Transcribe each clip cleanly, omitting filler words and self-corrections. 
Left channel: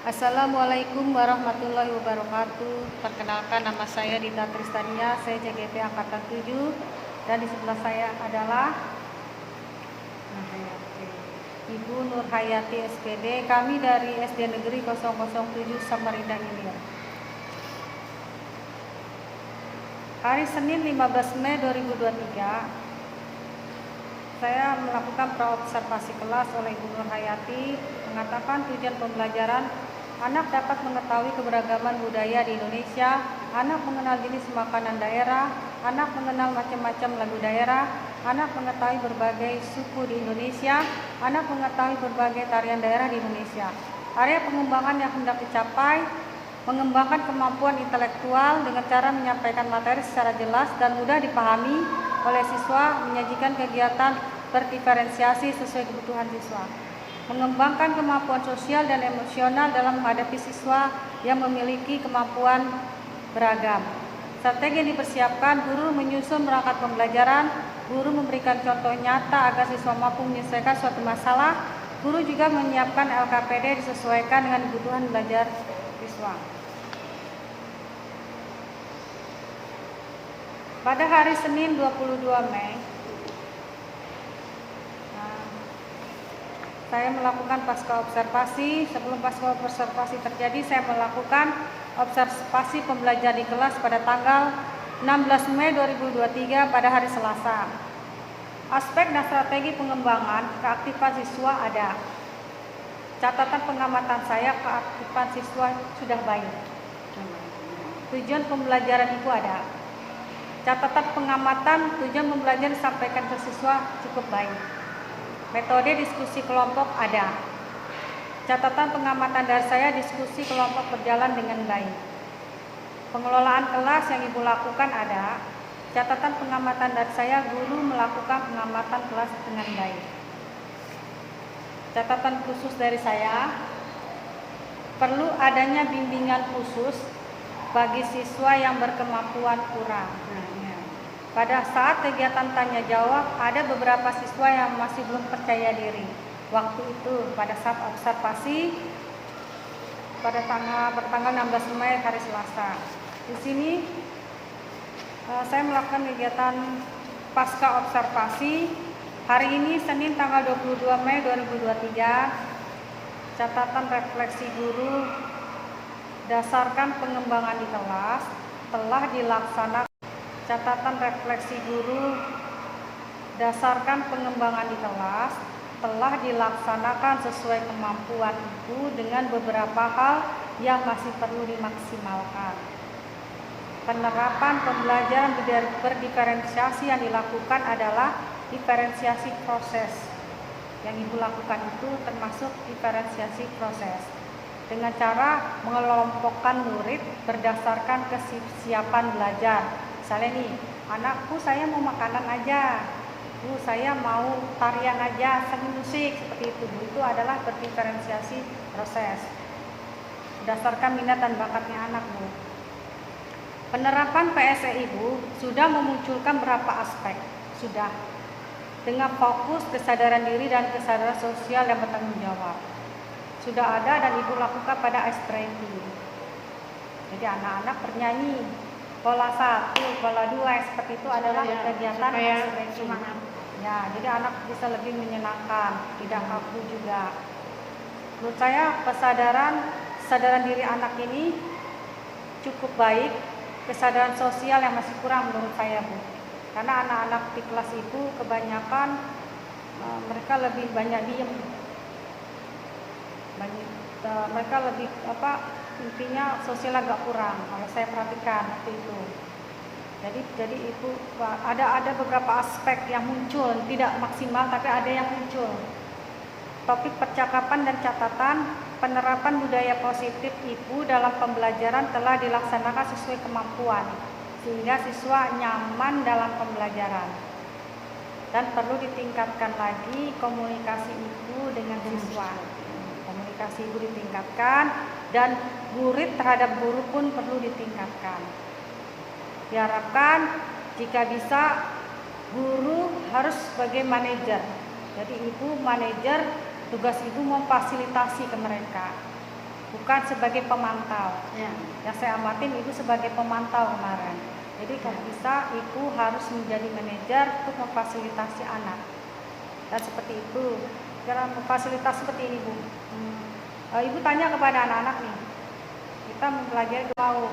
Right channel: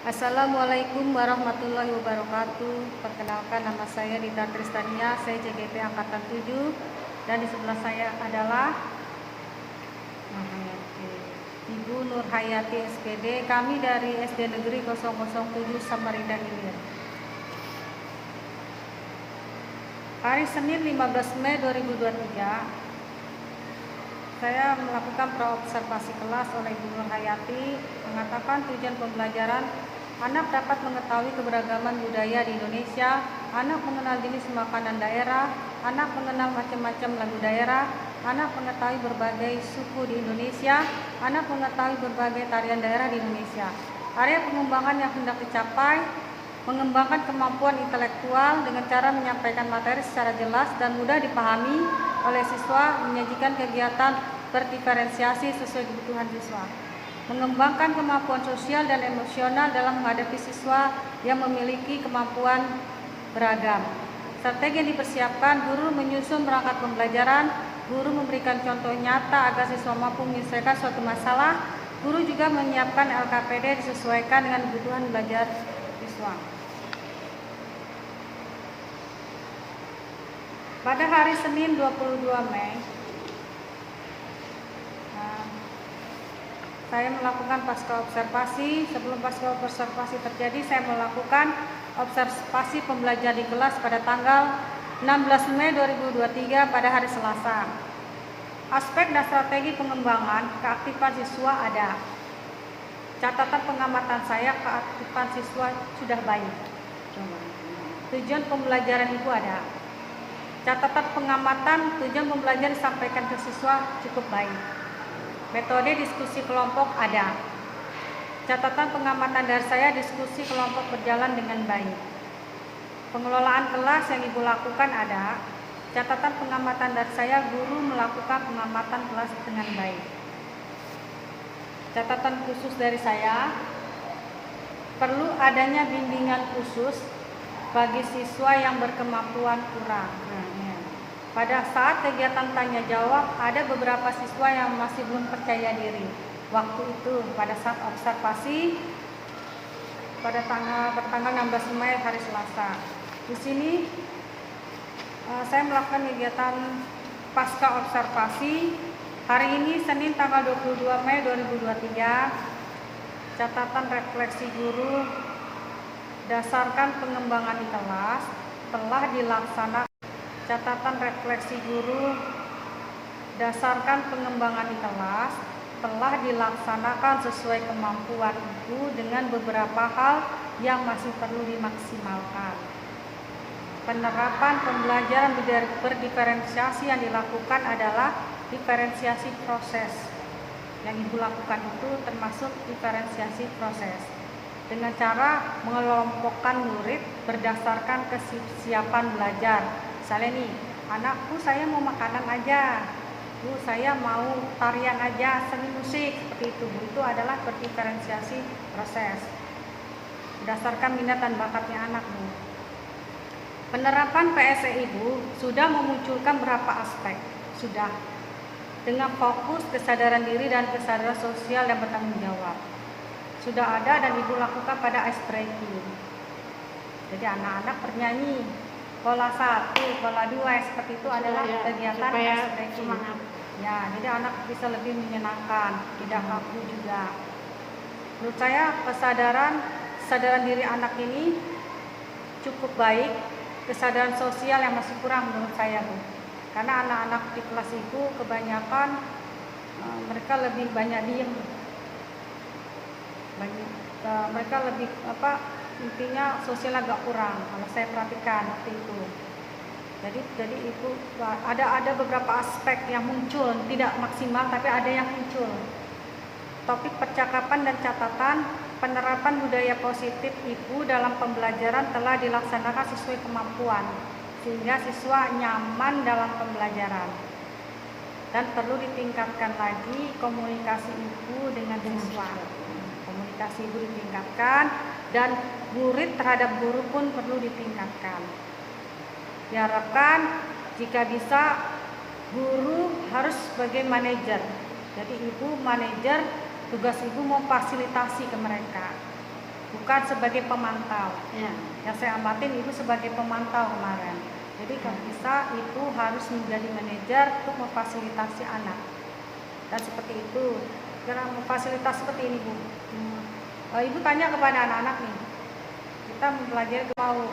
Assalamualaikum warahmatullahi wabarakatuh. Perkenalkan, nama saya Dita Tristania, saya CGP Angkatan 7, dan di sebelah saya adalah Ibu Nur Hayati SPD. Kami dari SD Negeri 007 Samarinda Hilir. Hari Senin 15 Mei 2023, saya melakukan praobservasi kelas oleh Ibu Nur Hayati, mengatakan tujuan pembelajaran: anak dapat mengetahui keberagaman budaya di Indonesia, anak mengenal jenis makanan daerah, anak mengenal macam-macam lagu daerah, anak mengetahui berbagai suku di Indonesia, anak mengetahui berbagai tarian daerah di Indonesia. Area pengembangan yang hendak dicapai: mengembangkan kemampuan intelektual dengan cara menyampaikan materi secara jelas dan mudah dipahami oleh siswa, menyajikan kegiatan berdiferensiasi sesuai kebutuhan siswa. Mengembangkan kemampuan sosial dan emosional dalam menghadapi siswa yang memiliki kemampuan beragam. Strategi yang dipersiapkan: guru menyusun perangkat pembelajaran, guru memberikan contoh nyata agar siswa mampu menyelesaikan suatu masalah, guru juga menyiapkan LKPD disesuaikan dengan kebutuhan belajar siswa. Pada hari Senin 22 Mei, saya melakukan pasca observasi. Sebelum pasca observasi terjadi, saya melakukan observasi pembelajaran di kelas pada tanggal 16 Mei 2023 pada hari Selasa. Aspek dan strategi pengembangan keaktifan siswa ada. Catatan pengamatan saya, keaktifan siswa sudah baik. Tujuan pembelajaran itu ada. Catatan pengamatan, tujuan pembelajaran disampaikan ke siswa cukup baik. Metode diskusi kelompok ada. Catatan pengamatan dari saya, diskusi kelompok berjalan dengan baik. Pengelolaan kelas yang Ibu lakukan ada. Catatan pengamatan dari saya, guru melakukan pengamatan kelas dengan baik. Catatan khusus dari saya, perlu adanya bimbingan khusus bagi siswa yang berkemampuan kurang. Pada saat kegiatan tanya jawab, ada beberapa siswa yang masih belum percaya diri. Waktu itu pada saat observasi pada tanggal 16 Mei hari Selasa. Di sini saya melakukan kegiatan pasca observasi. Hari ini Senin tanggal 22 Mei 2023. Catatan refleksi guru dasarkan pengembangan di kelas telah dilaksanakan. Catatan refleksi guru dasarkan pengembangan di kelas telah dilaksanakan sesuai kemampuan Ibu dengan beberapa hal yang masih perlu dimaksimalkan. Penerapan pembelajaran berdiferensiasi yang dilakukan adalah diferensiasi proses. Yang Ibu lakukan itu termasuk diferensiasi proses dengan cara mengelompokkan murid berdasarkan kesiapan belajar. Misalnya nih, anakku saya mau makanan aja, Bu saya mau tarian aja, seni musik, seperti itu Bu. Itu adalah berdiferensiasi proses berdasarkan minat dan bakatnya anak Bu. Penerapan PSE Ibu sudah memunculkan beberapa aspek, sudah dengan fokus kesadaran diri dan kesadaran sosial yang bertanggung jawab. Sudah ada dan Ibu lakukan pada ice breaking. Jadi anak-anak bernyanyi. Pola 1, pola 2 seperti itu adalah kegiatan semangat. Ya, jadi anak bisa lebih menyenangkan, tidak kaku juga. Menurut saya kesadaran diri anak ini cukup baik. Kesadaran sosial yang masih kurang menurut saya Bu. Karena anak-anak di kelas itu kebanyakan mereka lebih banyak diem. Mereka lebih intinya sosial agak kurang kalau saya perhatikan waktu itu. Jadi itu ada beberapa aspek yang muncul, tidak maksimal tapi ada yang muncul. Topik percakapan dan catatan, penerapan budaya positif Ibu dalam pembelajaran telah dilaksanakan sesuai kemampuan sehingga siswa nyaman dalam pembelajaran. Dan perlu ditingkatkan lagi komunikasi Ibu dengan siswa. Komunikasi Ibu ditingkatkan dan murid terhadap guru pun perlu ditingkatkan. Diharapkan jika bisa guru harus sebagai manajer. Jadi Ibu manajer, tugas Ibu memfasilitasi ke mereka. bukan sebagai pemantau. Ya. Yang saya amatin ibu sebagai pemantau kemarin. Jadi kalau bisa ibu harus menjadi manajer untuk memfasilitasi anak. Dan seperti itu, kira memfasilitasi seperti ini bu. Ibu tanya kepada anak-anak nih, kita mempelajari mau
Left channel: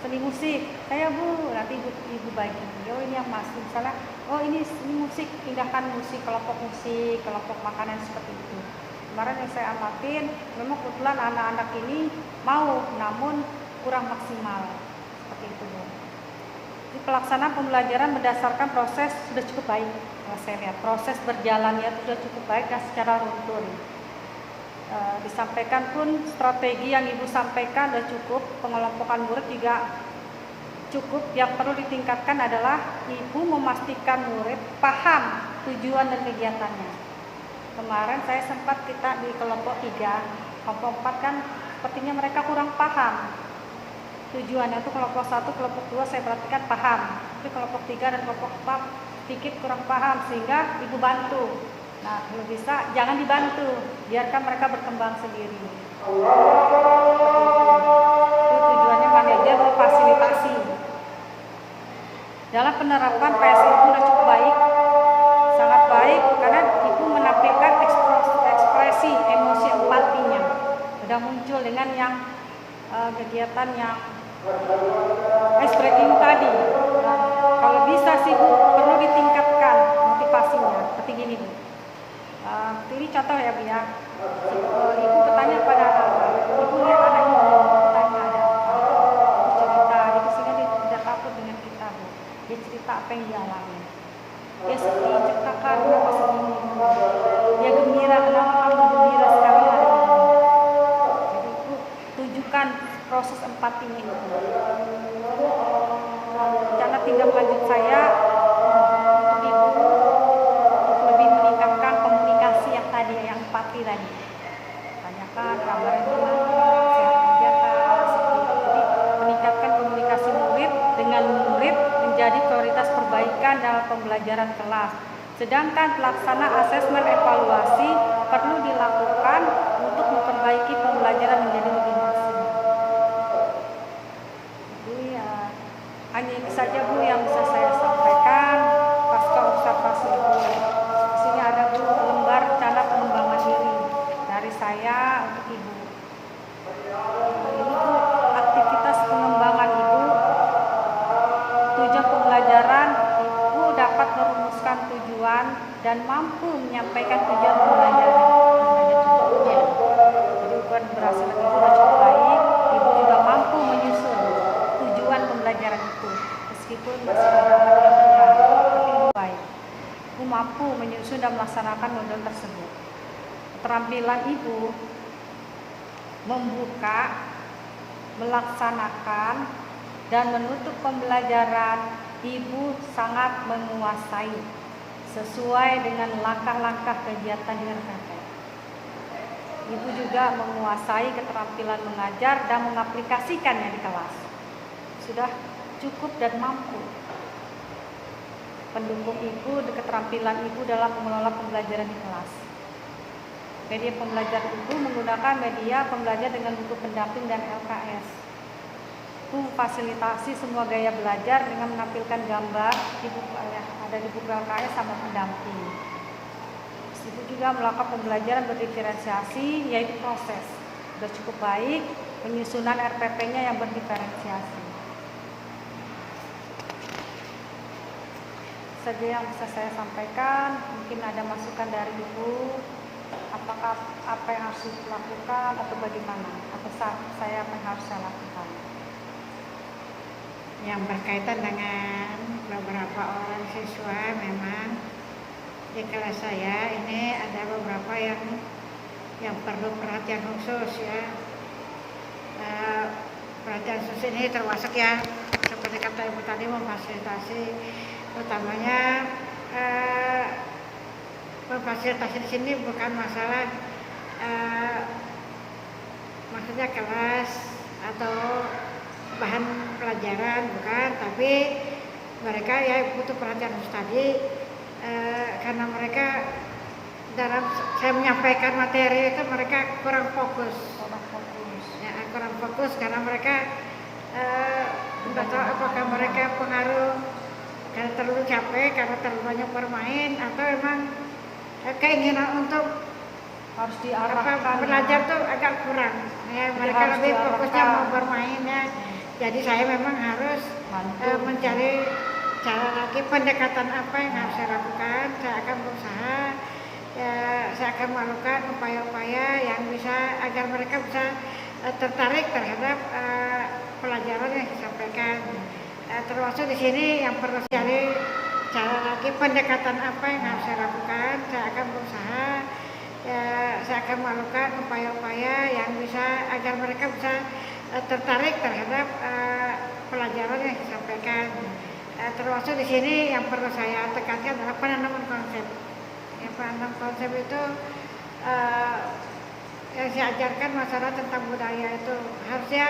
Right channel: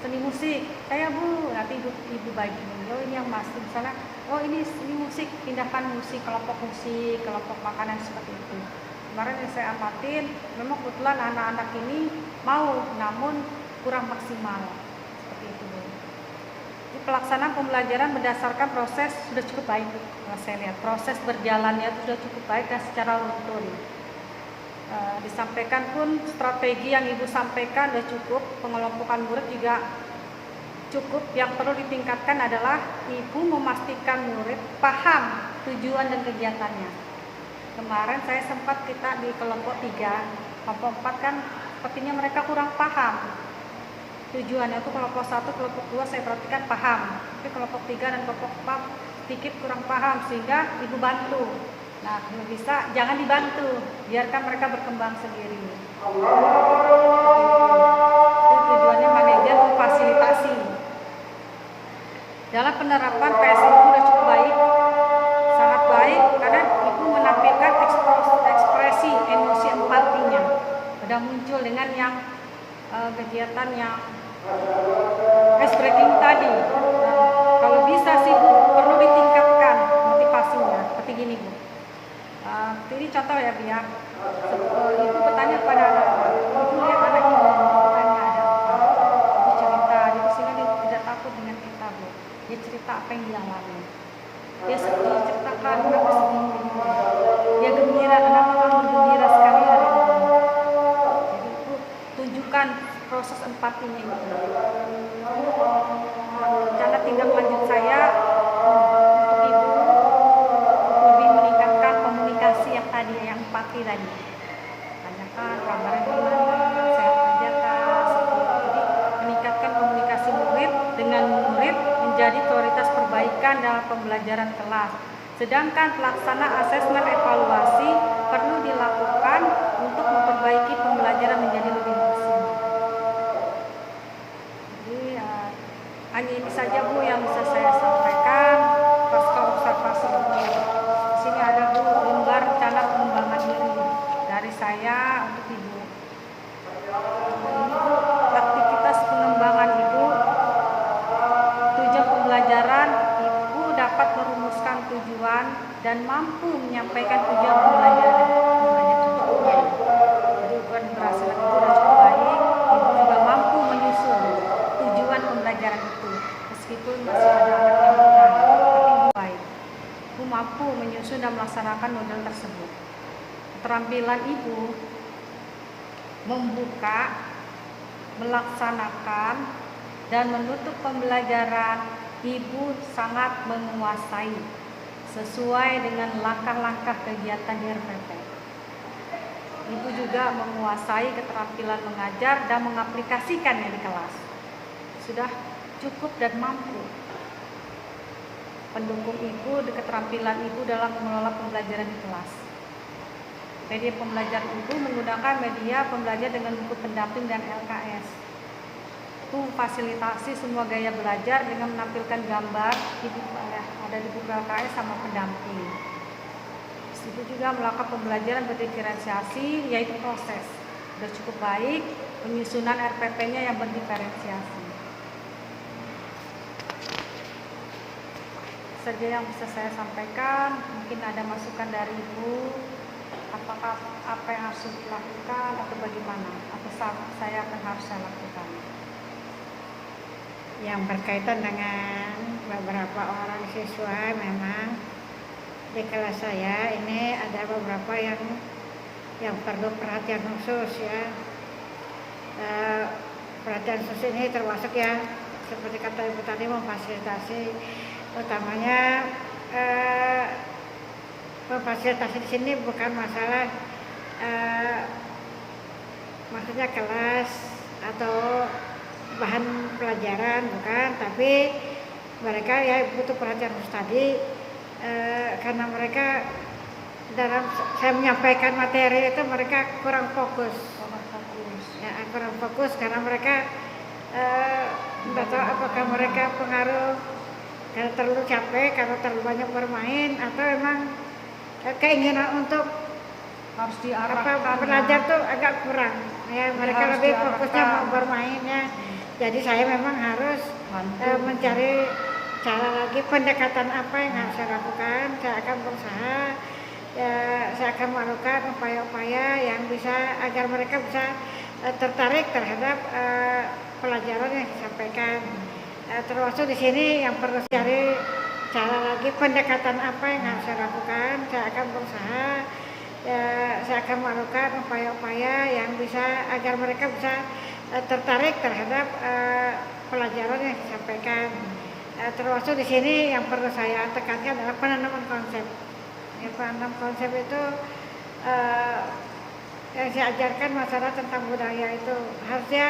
seni musik, saya bu, nanti ibu bagi, oh ini yang masih misalnya, oh ini musik, pindahkan musik, kelompok makanan seperti itu. Kemarin yang saya amatin, memang kebetulan anak-anak ini mau, namun kurang maksimal, seperti itu bu. Jadi pelaksanaan pembelajaran berdasarkan proses sudah cukup baik, kalau saya lihat proses berjalannya sudah cukup baik dan secara runtun. Disampaikan pun strategi yang ibu sampaikan sudah cukup, pengelompokan murid juga cukup. Yang perlu ditingkatkan adalah ibu memastikan murid paham tujuan dan kegiatannya. Kemarin saya sempat kita di kelompok 3, kelompok 4 kan sepertinya mereka kurang paham tujuannya. Itu kelompok 1, kelompok 2 saya perhatikan paham, tapi kelompok 3 dan kelompok 4 sedikit kurang paham, sehingga ibu bantu. Nah, kalau bisa jangan dibantu, biarkan mereka berkembang sendiri. Itu tujuannya manajer memfasilitasi. Dalam penerapan PSI itu sudah cukup baik, sangat baik, karena ibu menampilkan ekspresi emosi empatinya. Sudah muncul dengan yang kegiatan yang ice breaking tadi. Nah, kalau bisa sih bu, perlu ditingkatkan motivasinya. Seperti gini bu. Ini contoh ya bu ya. Ibu bertanya kepada anak-anak, ibu lihat anak ini, bertanya ada apa, ibu cerita gitu sehingga dia tidak takut dengan kita bu. Dia cerita apa yang dialami. Dia sedih, ceritakan kenapa sedih. Dia gembira, kenapa kamu bergembira sekali hari ini. Jadi ibu tunjukkan proses empatinya itu. Rencana tindak lanjut saya untuk ibu lebih meningkatkan komunikasi yang tadi, yang empati tadi. Tanyakan kabarnya gimana, sehat aja kak, seperti itu. Jadi meningkatkan komunikasi murid dengan murid menjadi prioritas perbaikan dalam pembelajaran kelas. Sedangkan pelaksana asesmen evaluasi perlu dilakukan untuk memperbaiki pembelajaran menjadi lebih maksimal. Jadi hanya ini saja bu yang bisa saya sampaikan pasca observasi ibu. Di sini ada bu lembar rencana pengembangan diri dari saya untuk ibu. Ini bu aktivitas pengembangan ibu. Tujuan pembelajaran, ibu dapat merumuskan tujuan dan mampu menyampaikan tujuan pembelajaran. Cukup baik. Jadi bukan berhasil ibu sudah cukup baik. Ibu juga mampu menyusun tujuan pembelajaran itu, meskipun masih ada anak yang kurang, tapi ibu baik. Ibu mampu menyusun dan melaksanakan model tersebut. Keterampilan ibu membuka, melaksanakan, dan menutup pembelajaran ibu sangat menguasai sesuai dengan langkah-langkah kegiatan di RPP. Ibu juga menguasai keterampilan mengajar dan mengaplikasikannya di kelas. Sudah cukup dan mampu. Pendukung ibu dan keterampilan ibu dalam mengelola pembelajaran di kelas. Media pembelajaran ibu menggunakan media pembelajar dengan buku pendamping dan LKS. Itu fasilitasi semua gaya belajar dengan menampilkan gambar di buku, ada di buku LKS sama pendamping. Ibu juga melakukan pembelajaran berdiferensiasi, yaitu proses. Sudah cukup baik, penyusunan RPP-nya yang berdiferensiasi. Saja yang bisa saya sampaikan, mungkin ada masukan dari ibu, apakah apa yang harus dilakukan atau bagaimana, atau saya apa yang harus saya lakukan. Yang berkaitan dengan beberapa orang siswa, memang di kelas saya ini ada beberapa yang perlu perhatian khusus ya. Perhatian khusus ini termasuk ya seperti kata ibu tadi, memfasilitasi, utamanya memfasilitasi di sini bukan masalah maksudnya kelas atau bahan pelajaran bukan, tapi mereka ya butuh perhatian khusus tadi karena mereka dalam saya menyampaikan materi itu mereka kurang fokus. Ya, kurang fokus karena mereka tidak tahu apakah mereka pengaruh karena terlalu capek, karena terlalu banyak bermain, atau memang keinginan untuk harus diarahkan belajar tuh agak kurang. Ya, mereka lebih fokusnya mau bermainnya. Jadi saya memang harus mencari cara lagi, pendekatan apa yang harus saya lakukan. Saya akan berusaha, saya akan melakukan upaya-upaya yang bisa agar mereka bisa tertarik terhadap pelajaran yang disampaikan. Termasuk di sini yang perlu cari cara lagi, pendekatan apa yang harus saya lakukan. Saya akan berusaha, saya akan melakukan upaya-upaya yang bisa agar mereka bisa tertarik terhadap pelajaran yang disampaikan. Termasuk di sini yang perlu saya tekankan adalah penanaman konsep. Penanaman konsep itu yang saya ajarkan masalah tentang budaya itu harusnya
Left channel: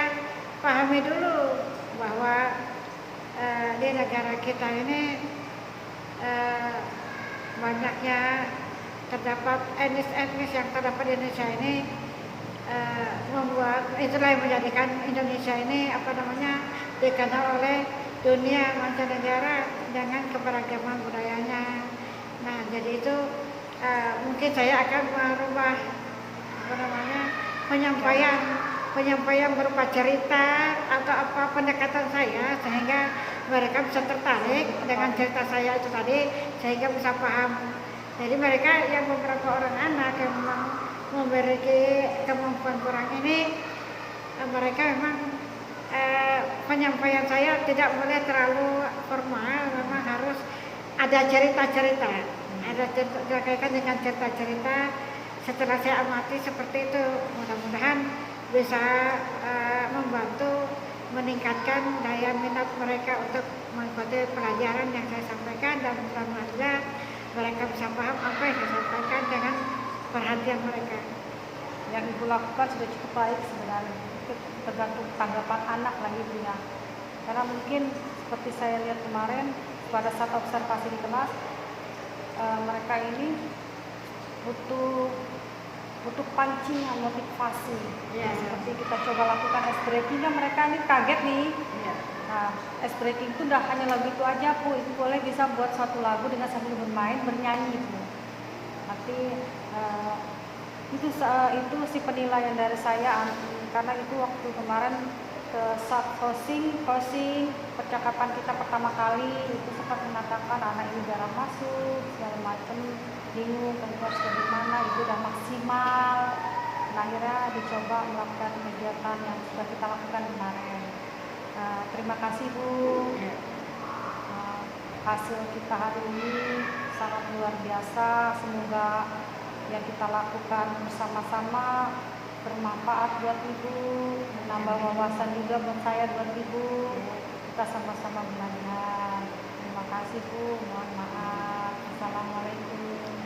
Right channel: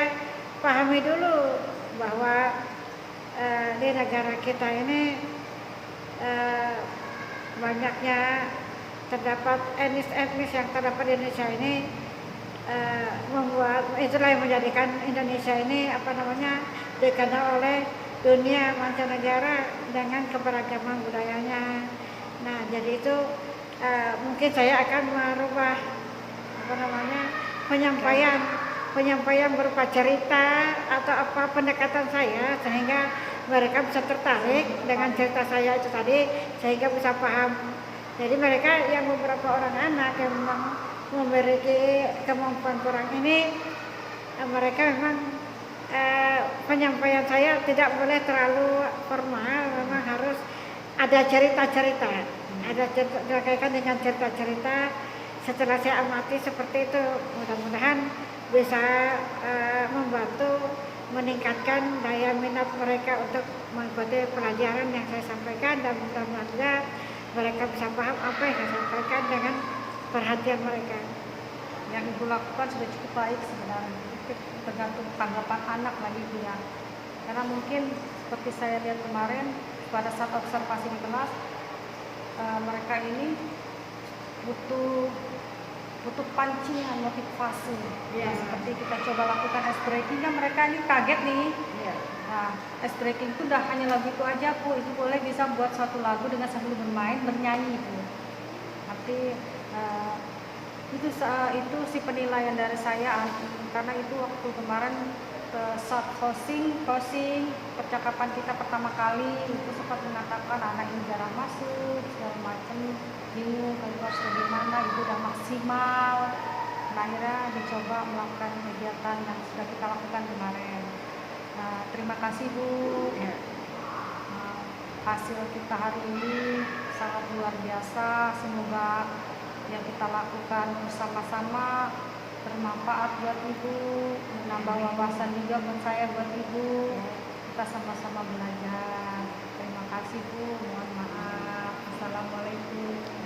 pahami dulu bahwa di negara kita ini banyaknya terdapat etnis yang terdapat di Indonesia ini, membuat itulah yang menjadikan Indonesia ini dikenal oleh dunia mancanegara dengan keberagaman budayanya. Nah, jadi itu mungkin saya akan merubah penyampaian berupa cerita atau apa pendekatan saya sehingga mereka bisa tertarik dengan cerita saya itu tadi, sehingga bisa paham. Jadi mereka yang beberapa orang anak yang memang memiliki kemampuan kurang ini, mereka memang penyampaian saya tidak boleh terlalu formal, memang harus ada cerita-cerita, ada terkaitan dengan cerita-cerita. Setelah saya amati seperti itu, mudah-mudahan bisa membantu meningkatkan daya minat mereka untuk mengikuti pelajaran yang saya sampaikan, dan mudah-mudahan juga mereka bisa paham apa yang saya sampaikan dengan perhatian mereka. Yang Ibu lakukan sudah cukup baik sebenarnya, itu tergantung tanggapan anak lagi dia. Karena mungkin seperti saya lihat kemarin pada saat observasi di kelas, mereka ini butuh pancingan, motivasi. Ya, seperti kita coba lakukan ice breaking, kan mereka ini kaget nih. Ya. Nah, ice breaking itu udah hanya lagu itu aja, Bu. Itu boleh bisa buat satu lagu dengan sambil bermain, bernyanyi, Bu. Nanti itu si penilaian dari saya, karena itu waktu kemarin saat closing percakapan kita pertama kali itu sempat mengatakan anak ini jarang masuk segala macam, bingung kan harus bagaimana, itu udah maksimal. Nah, akhirnya dicoba melakukan kegiatan yang sudah kita lakukan kemarin. Terima kasih, Bu. Hasil kita hari ini sangat luar biasa. Semoga yang kita lakukan bersama-sama bermanfaat buat Ibu, menambah wawasan juga buat saya, buat Ibu. Kita sama-sama belajar. Terima kasih, Bu. Mohon maaf. Assalamualaikum.